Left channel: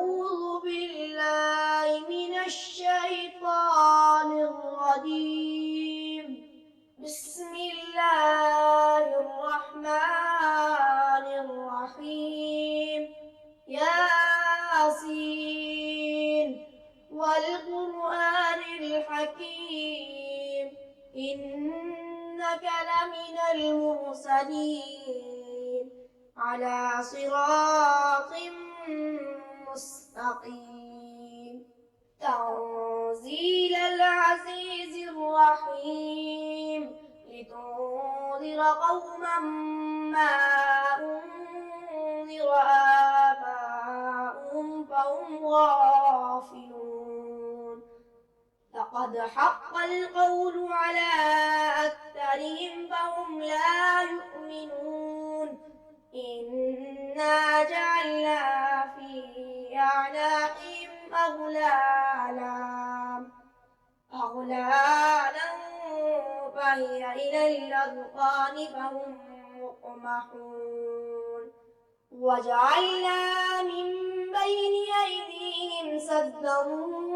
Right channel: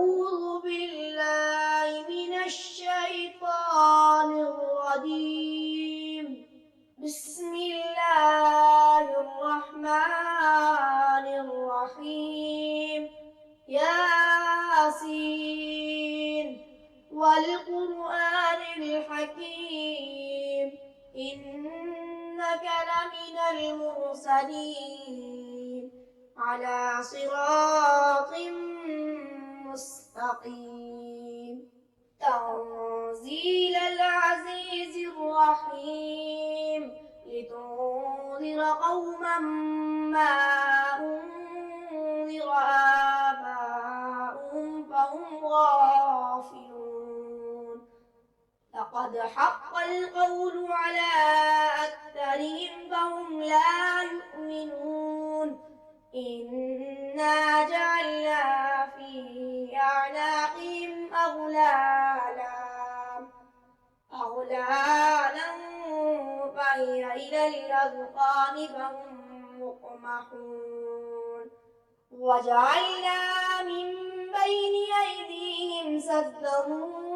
أعوذ بالله من الشيطان الرجيم. بسم الله الرحمن الرحيم. ياسين والقرآن الحكيم إنك لمن المرسلين على صراط مستقيم. تنزيل العزيز الرحيم لتنذر قوما ما أنذر آباؤهم فهم غافلون. لقد حق القول على أكثرهم فهم لا يؤمنون. إنا جعلنا في أعناقهم أغلالا فهي إلى الأذقان فهم مقمحون. وجعلنا من بين أيديهم سدا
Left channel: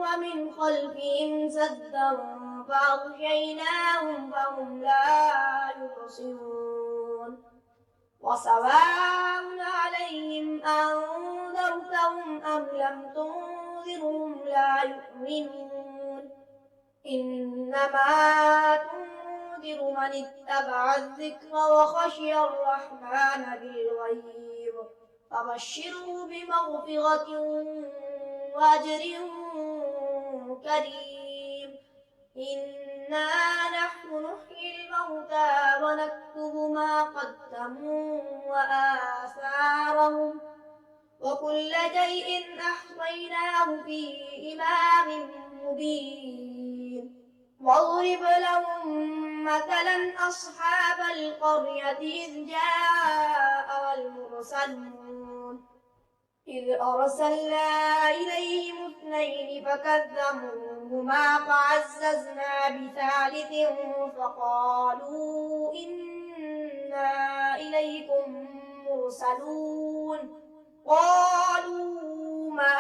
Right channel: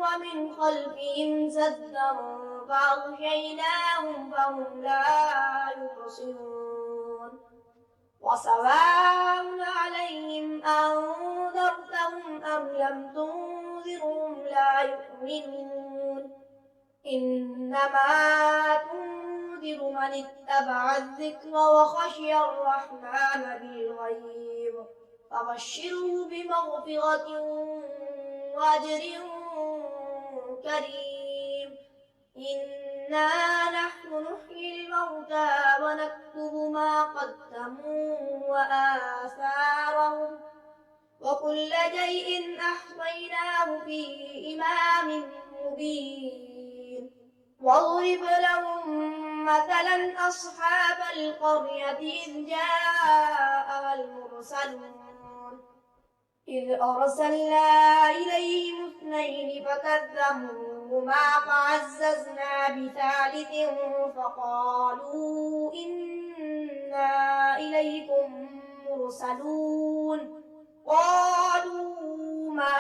ومن خلفهم سدا فأغشيناهم فهم لا يبصرون. وسواء عليهم أنذرتهم أم لم تنذرهم لا يؤمنون. إنما تنذر من اتبع الذكر وخشي الرحمن بالغيب فبشره بمغفرة وأجر كريم. إنا نحن نحيي الموتى ونكتب ما قدموا وآثارهم وكل شيء أحصيناه في إمام مبين. واضرب لهم مثلا أصحاب القرية إذ جاءها المرسلون إذ أرسلنا إليهم اثنين فكذبوهما فعززنا بثالث فقالوا إنا إليكم مرسلون. قالوا ما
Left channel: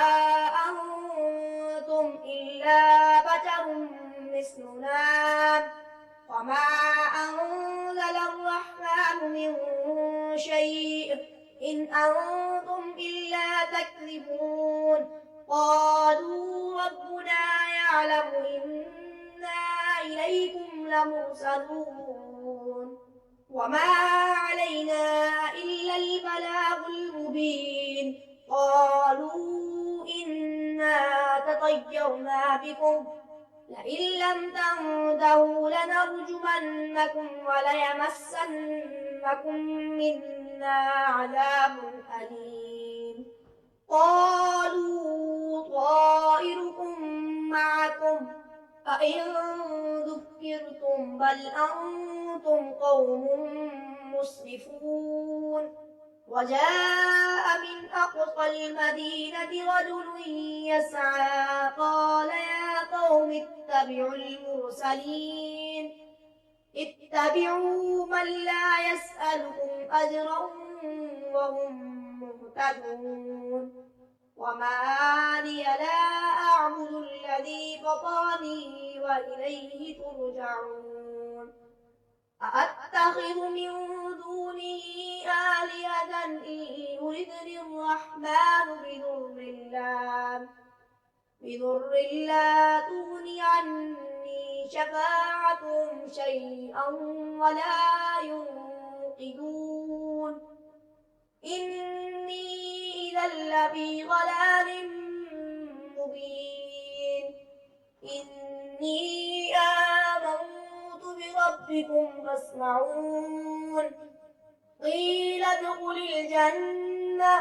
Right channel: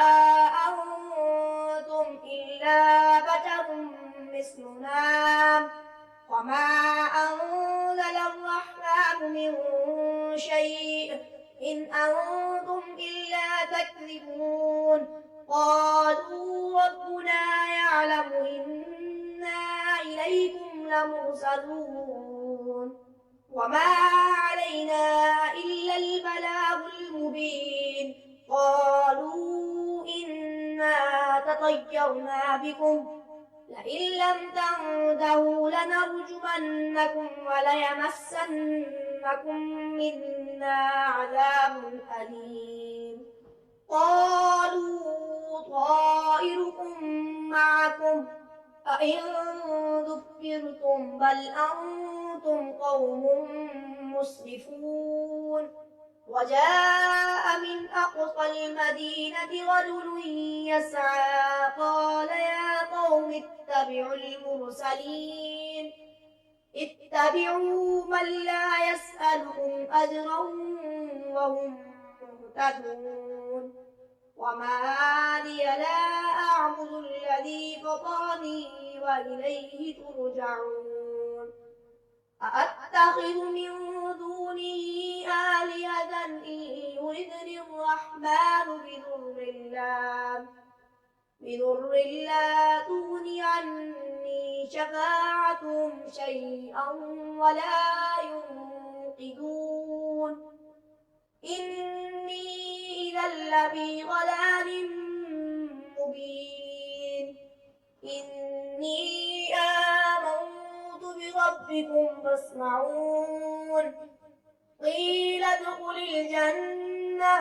أنتم إلا بشر مثلنا وما أنزل الرحمن من شيء إن أنتم إلا تكذبون. قالوا ربنا يعلم إنا إليكم لمرسلون وما علينا إلا البلاغ المبين. قالوا إنا تطيرنا بكم لئن لم تنتهوا لنرجمنكم وليمسنكم منا عذاب أليم. قالوا طائركم معكم أئن ذكرتم بل أنتم قوم مسرفون. وجاء من أقصى المدينة رجل يسعى قال يا قوم اتبعوا المرسلين اتبعوا من لا يسألكم أجرا وهم مهتدون. وما لي لا أعبد الذي فطرني وإليه ترجعون. أأتخذ من دونه آلهة إن يردني الرحمن بضر لا تغن عني شفاعتهم شيئا ولا ينقذون. إني إذا لفي ضلال مبين. إني آمنت بربكم فاسمعون. قيل ادخل الجنة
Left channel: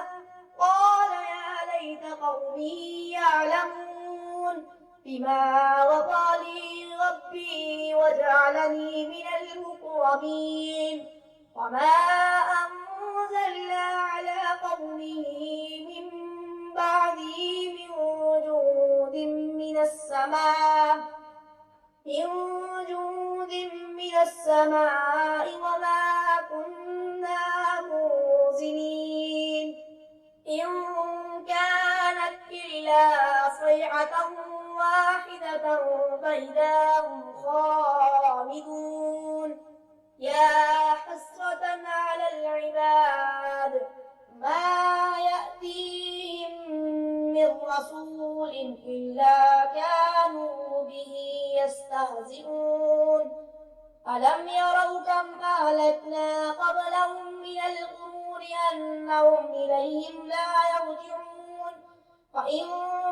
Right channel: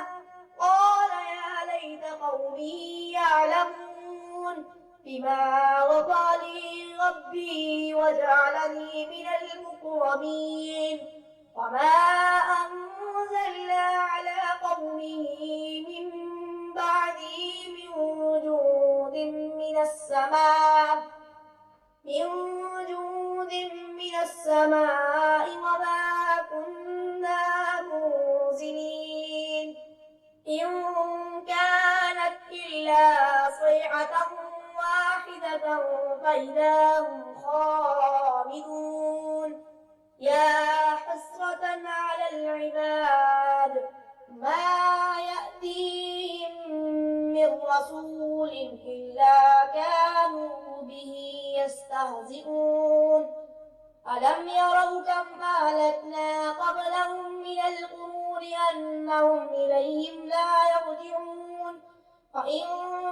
قال يا ليت قومي يعلمون بما غفر لي ربي وجعلني من المكرمين. وما أنزلنا على قومه من بعده من جند من السماء وما كنا منزلين. إن كانت فإذا هم خامدون يا حسرة على العباد ما يأتيهم من رسول إلا كانوا به يستهزئون ألم يروا كم أهلكنا قبلهم من القرون أنهم إليهم لا يرجعون وإن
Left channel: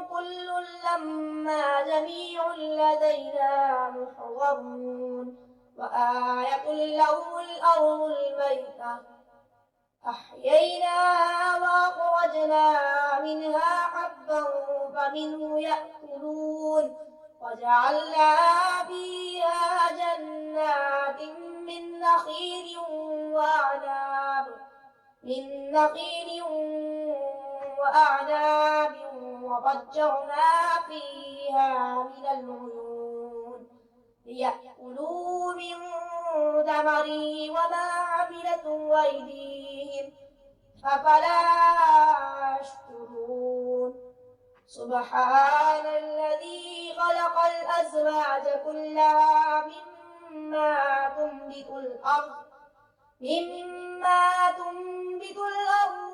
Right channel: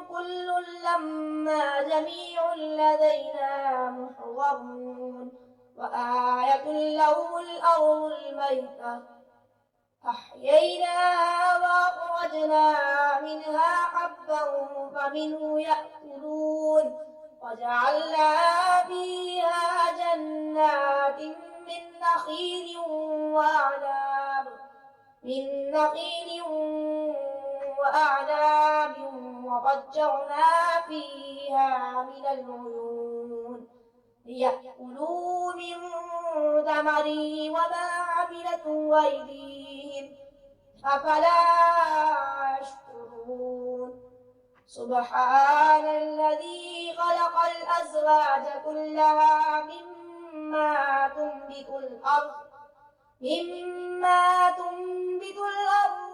كل لما جميع لدينا محضرون وآية لهم الأرض الميتة أحييناها وأخرجنا منها حبا فمنه يأكلون وجعلنا فيها جنات من نخيل وأعناب وفجرنا فيها من العيون ليأكلوا من ثمره وما عملته أيديهم أفلا يشكرون سبحان الذي خلق الأزواج كلها مما تنبت الأرض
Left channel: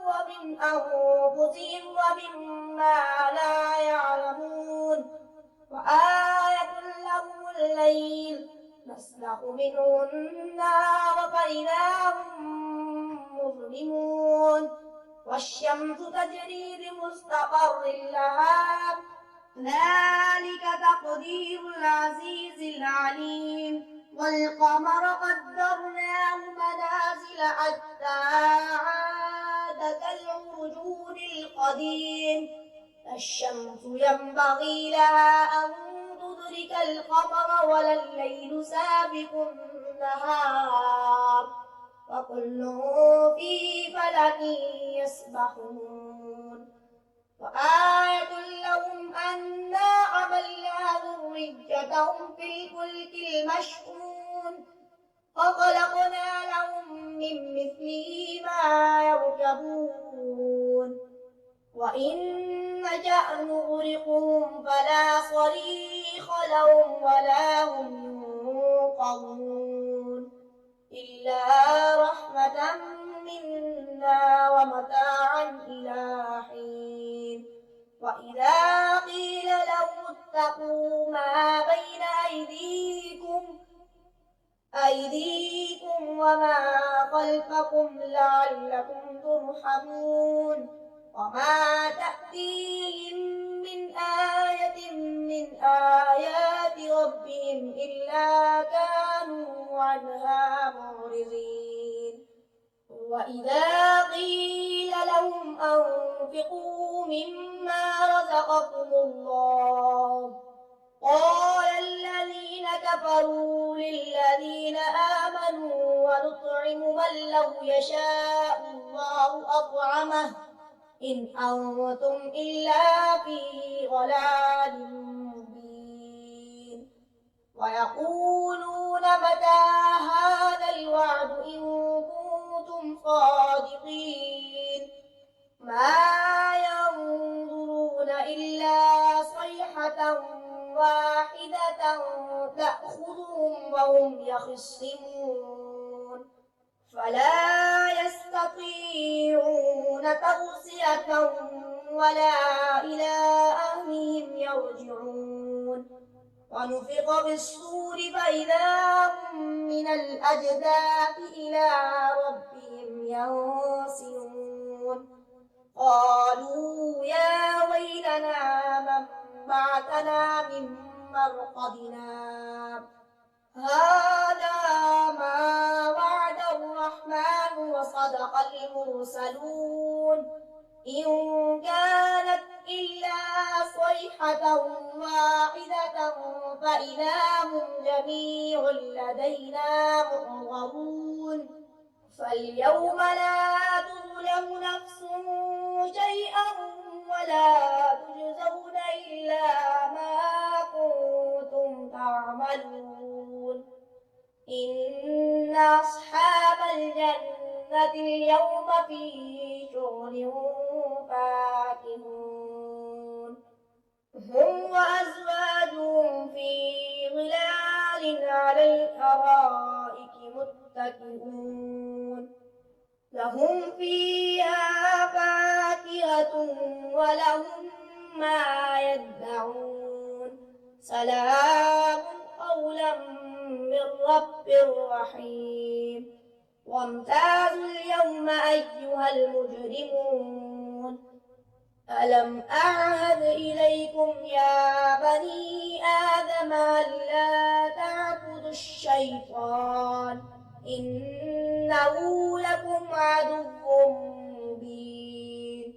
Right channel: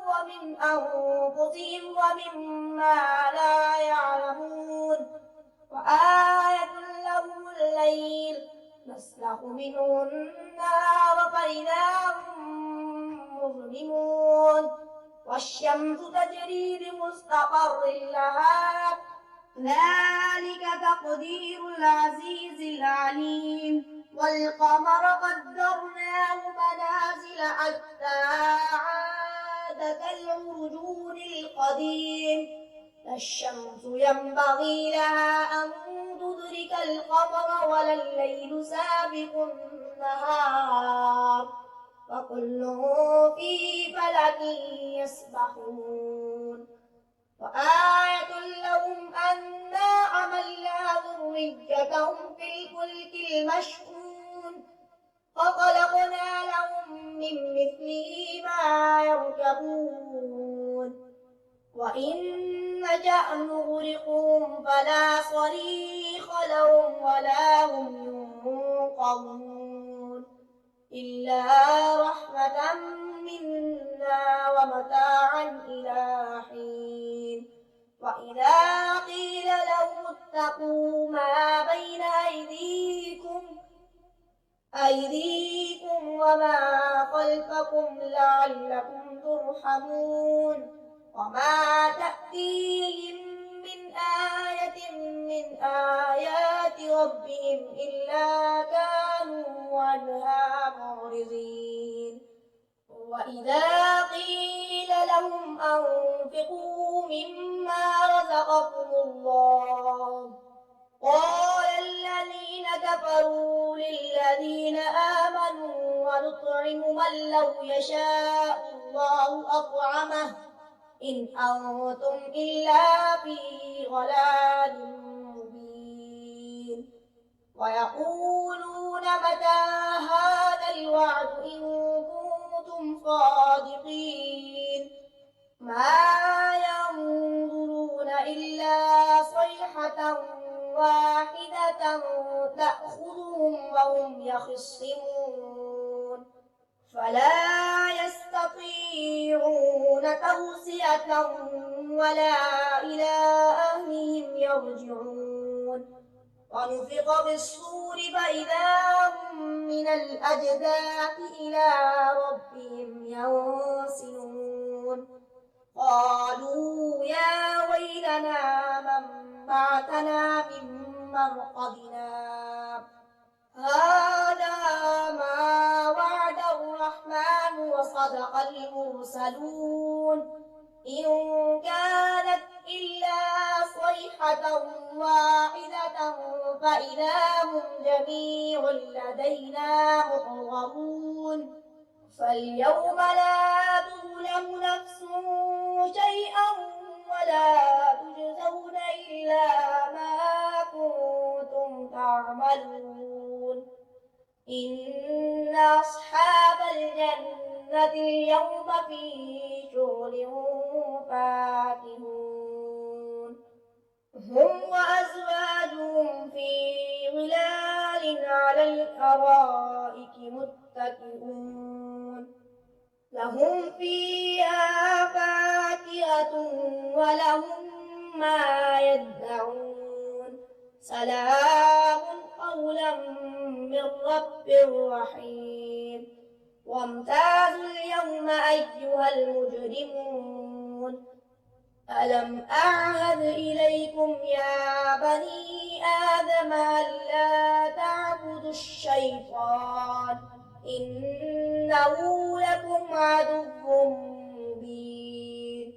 ومن أنفسهم ومما لا يعلمون وآية لهم الليل نسلخ منه النار فإذا هم مظلمون والشمس تجري لمستقر لها ذلك تقدير العزيز العليم والقمر قدرناه منازل حتى عاد كالعرجون القديم لا الشمس ينبغي لها أن تدرك القمر ولا الليل سابق النهار وكل في فلك يسبحون وآية لهم أنا حملنا ذريتهم في الفلك المشحون وخلقنا لهم من مثله ما يركبون وإن نشأ نغرقهم فلا صريخ لهم ولا هم ينقذون إلا رحمة منا ومتاعا إلى حين وإذا قيل لهم اتقوا ما بين أيديكم وما خلفكم لعلكم ترحمون وما تأتيهم من آية من آيات ربهم إلا كانوا عنها معرضين وإذا قيل لهم أنفقوا مما رزقكم الله قال الذين كفروا للذين آمنوا ونطعم من لو يشاء الله أطعمه إن أنتم إلا في ضلال مبين ويقولون متى هذا الوعد إن كنتم صادقين ما ينظرون إلا صيحة واحدة تأخذهم وهم يخصمون فلا يستطيعون توصية ولا إلى أهلهم يرجعون ونفخ في الصور فإذا هم من الأجداث إلى ربهم ينسلون قالوا يا ويلنا من بعثنا من مرقدنا هذا ما وعد الرحمن وصدق المرسلون إن كانت إلا صيحة واحدة فإذا هم جميع لدينا محضرون فاليوم لا تظلم نفس شيئا ولا تجزون إلا ما كنتم تعملون إن أصحاب الجنة اليوم في شغل فاكهون هم وأزواجهم في الأرائك متكئون لهم فيها فاكهة ولهم ما يدعون سلام قولا من رب رحيم وامتازوا اليوم أيها المجرمون ألم أعهد إليكم يا بني آدم ألا تعبدوا الشيطان إنه لكم عدو مبين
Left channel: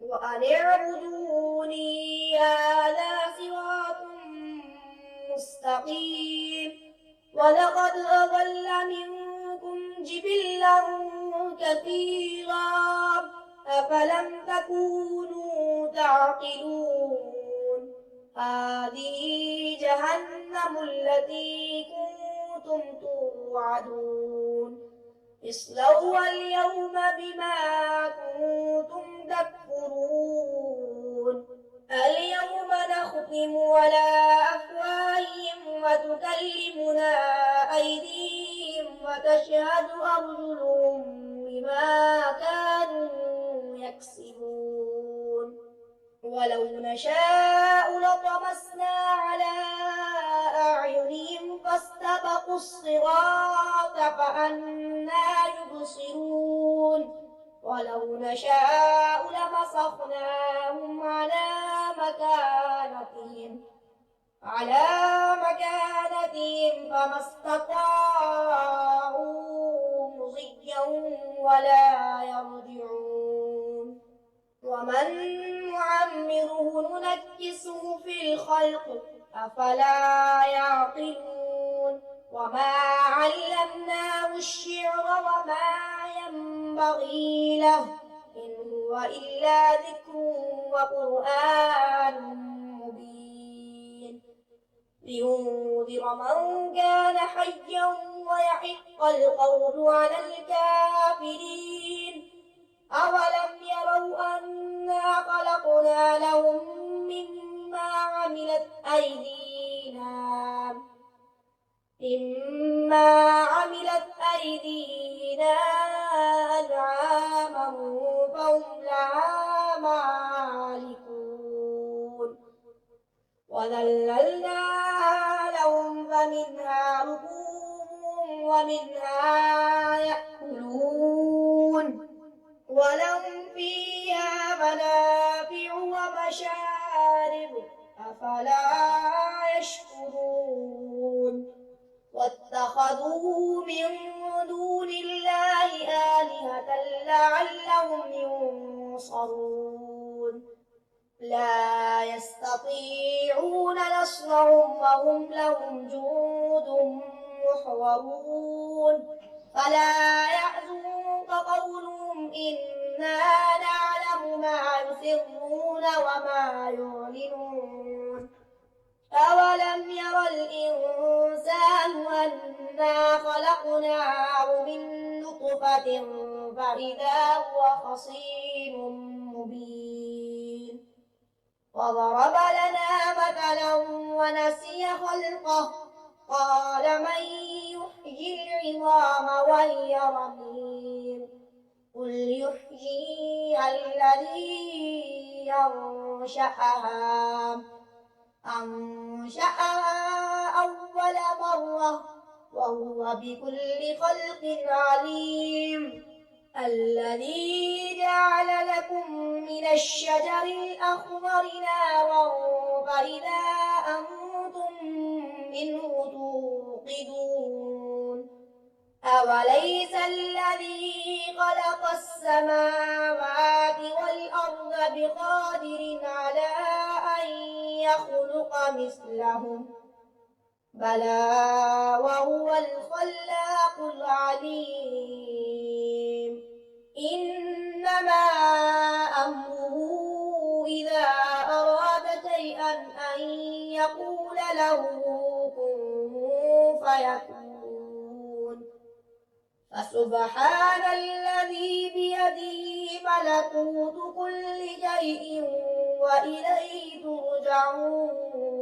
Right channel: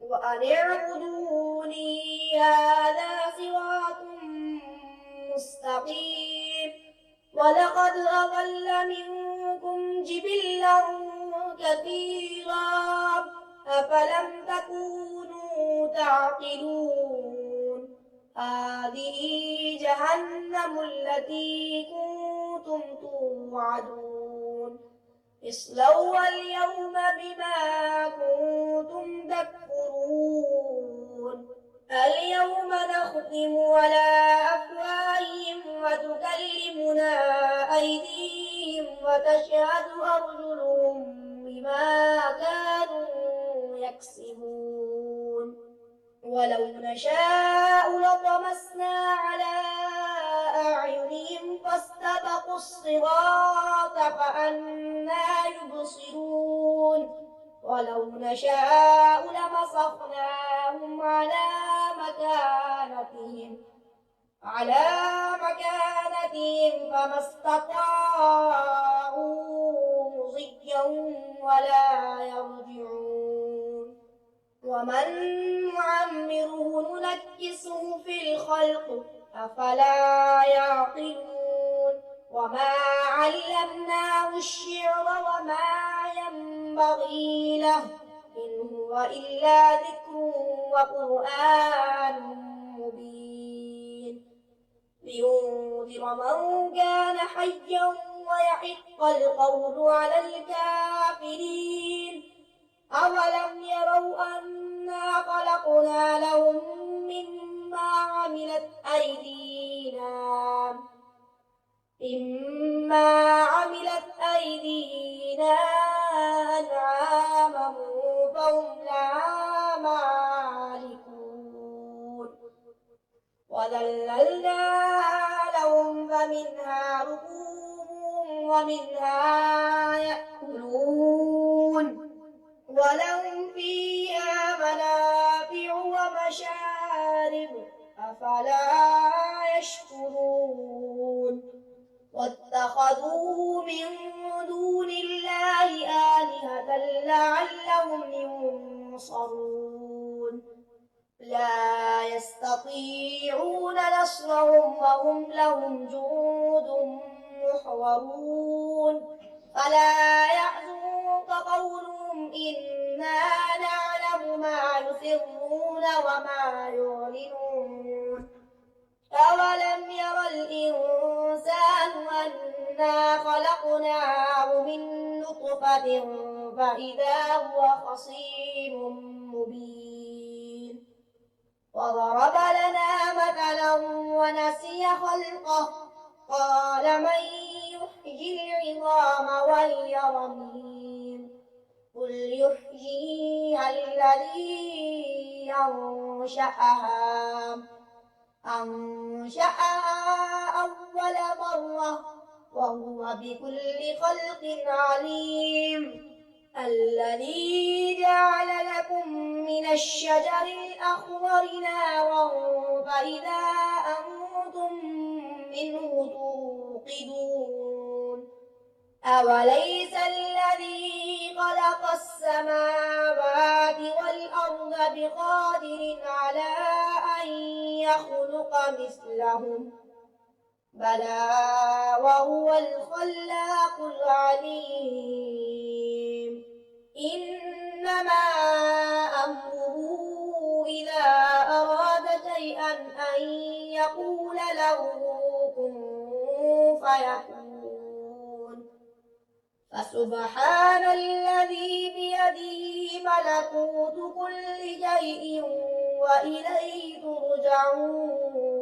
وأن اعبدوني هذا صراط مستقيم ولقد أضل منكم جبلا كثيرا أفلم تكونوا تعقلون هذه جهنم التي كنتم توعدون اصلوها اليوم بما كنتم تكفرون اليوم نختم على أفواههم وتكلمنا أيديهم وتشهد أرجلهم بما كانوا يكسبون ولو نشاء لطمسنا على أعينهم فاستبقوا الصراط فأنى يبصرون ولو نشاء لمسخناهم على مكانتهم فما استطاعوا مضيا ولا يرجعون ومن نعمره ننكسه في الخلق أفلا يعقلون وما علمناه الشعر وما ينبغي له إن هو إلا ذكر وقرآن مبين لينذر من كان حيا ويحق القول على الكافرين أولم يروا أنا خلقنا لهم مما عملت أيدينا أنعاما فهم لها مالكون وذللناها لهم فمنها ركوبهم ومنها يأكلون ولهم فيها منافع ومشارب أفلا يشكرون واتخذوا من دون الله آلهة لعلهم ينصرون لا يستطيعون نصرهم وهم لهم جند محضرون فلا يحزنك قولهم إنا نعلم ما يسرون وما يعلنون أولم ير الإنسان أنا خلقناه من نطفة فإذا هو خصيم مبين وضرب لنا مثلا ونسي خلقه قال من يحيي العظام وهي رميم قل يحييها الذي أنشأها أول مرة وهو بكل خلق عليم الذي جعل لكم من الشجر الأخضر نارا فإذا أنتم منه توقدون أوليس الذي خلق السماوات والأرض بقادر على أن يخلق مثلهم بلى وهو الخلاق العليم إنما أمره إذا أراد شيئا أن يقول له كن فيكون فسبحان الذي بيده ملكوت كل شيء وإليه ترجعون